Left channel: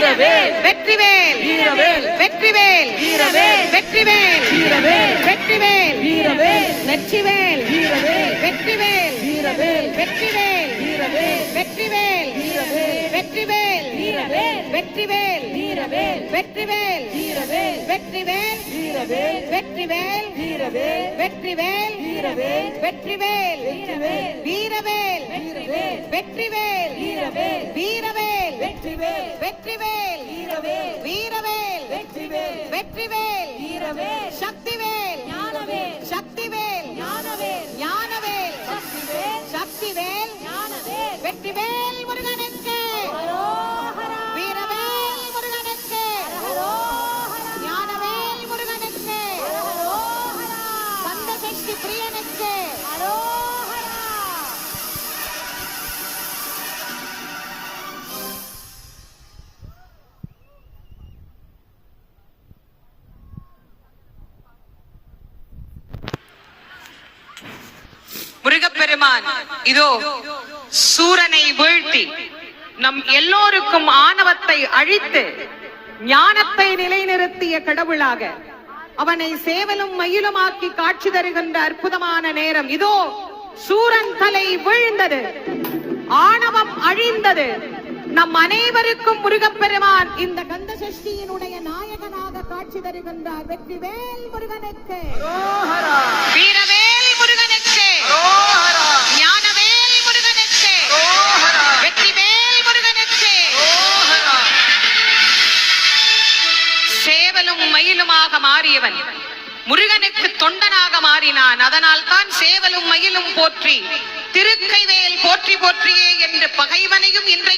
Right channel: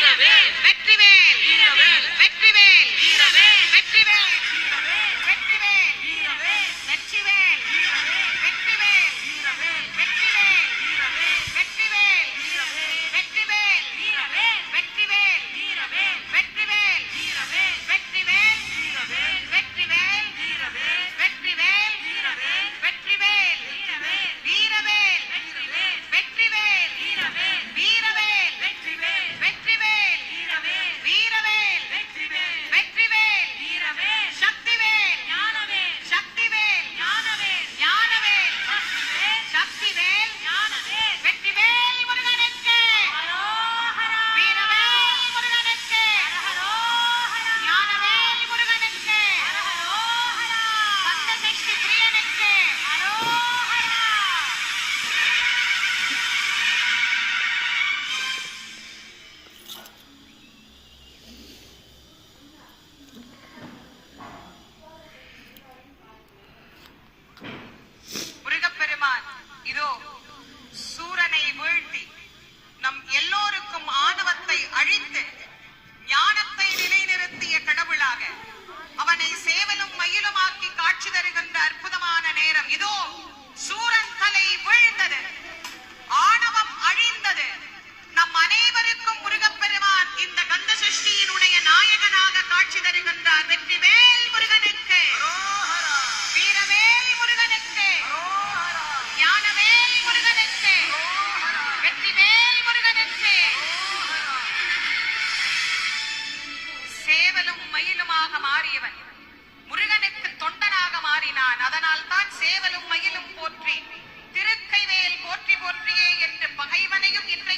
வீரவேல் வெற்றிவேல் வீரவேல் வெற்றிவேல் வீரவேல் வெற்றிவேல் வீரவேல் வெற்றிவேல் வீரவேல் வெற்றிவேல் வீரவேல் வெற்றிவேல் வீரவேல் வெற்றிவேல் வீரவேல் வெற்றிவேல் வீரவேல் வெற்றிவேல் வீரவேல் வெற்றிவேல் வீரவேல் வெற்றிவேல் வீரவேல் வெற்றிவேல் வீரவேல் வெற்றிவேல் வீரவேல் வெற்றிவேல் வீரவேல் வெற்றிவேல் வீரவேல் வீரவேல் வீரவேல் வெற்றிவேல் வீரவேல் வீரவேல் வெற்றிவேல் வெற்றிவேல் வீரவேல் வீரவேல் வெற்றிவேல் வெற்றிவேல் வீரவேல் சக்திவேல் ஞானவேல் சக்திவேல் ஞானவேல் ஞானவேல் சக்திவேல் சக்திவேல் ஞானவேல் வெற்றிவேல் முருகனுக்கு அரோகரா வீரவேல் முருகனுக்கு அரோகரா ஞானவேல் முருகனுக்கு அரோகரா கந்தசக்தி பிரியனுக்கு அரோகரா. முருகப்பெருமான் இதோ சூரனை வீழ்த்தி நம் எல்லோருக்கும் ஆணவத்தை அழித்து ஞானத்தை நிலைநிறுத்திய கடவுளாக அவனை சேவலும் மயிலுமாக்கி காட்சி தருகின்ற அற்புதமான நேரம் இதோ. சூரன் தலை வீழ்ந்தது, ஆணவம் அழிந்தது. நம் அனைவருக்கும் முருகப்பெருமான் இந்த கந்த சஷ்டியினுடைய நாயகனாக காட்சி தருகின்றார். வெற்றிவேல் முருகனுக்கு, வீரவேல் முருகனுக்கு, ஞானவேல் முருகனுக்கு, வெற்றிவேல் முருகனுக்கு. சேவலும் மயிலுமாக மாறியவன் முருகனுக்கு தொண்டனாக மாறினான். அதனால் தான் சேவலும் மயிலும் போற்றி திருக்கைவேல் போற்றி போற்றியே என்று பகைவனையும் இன்று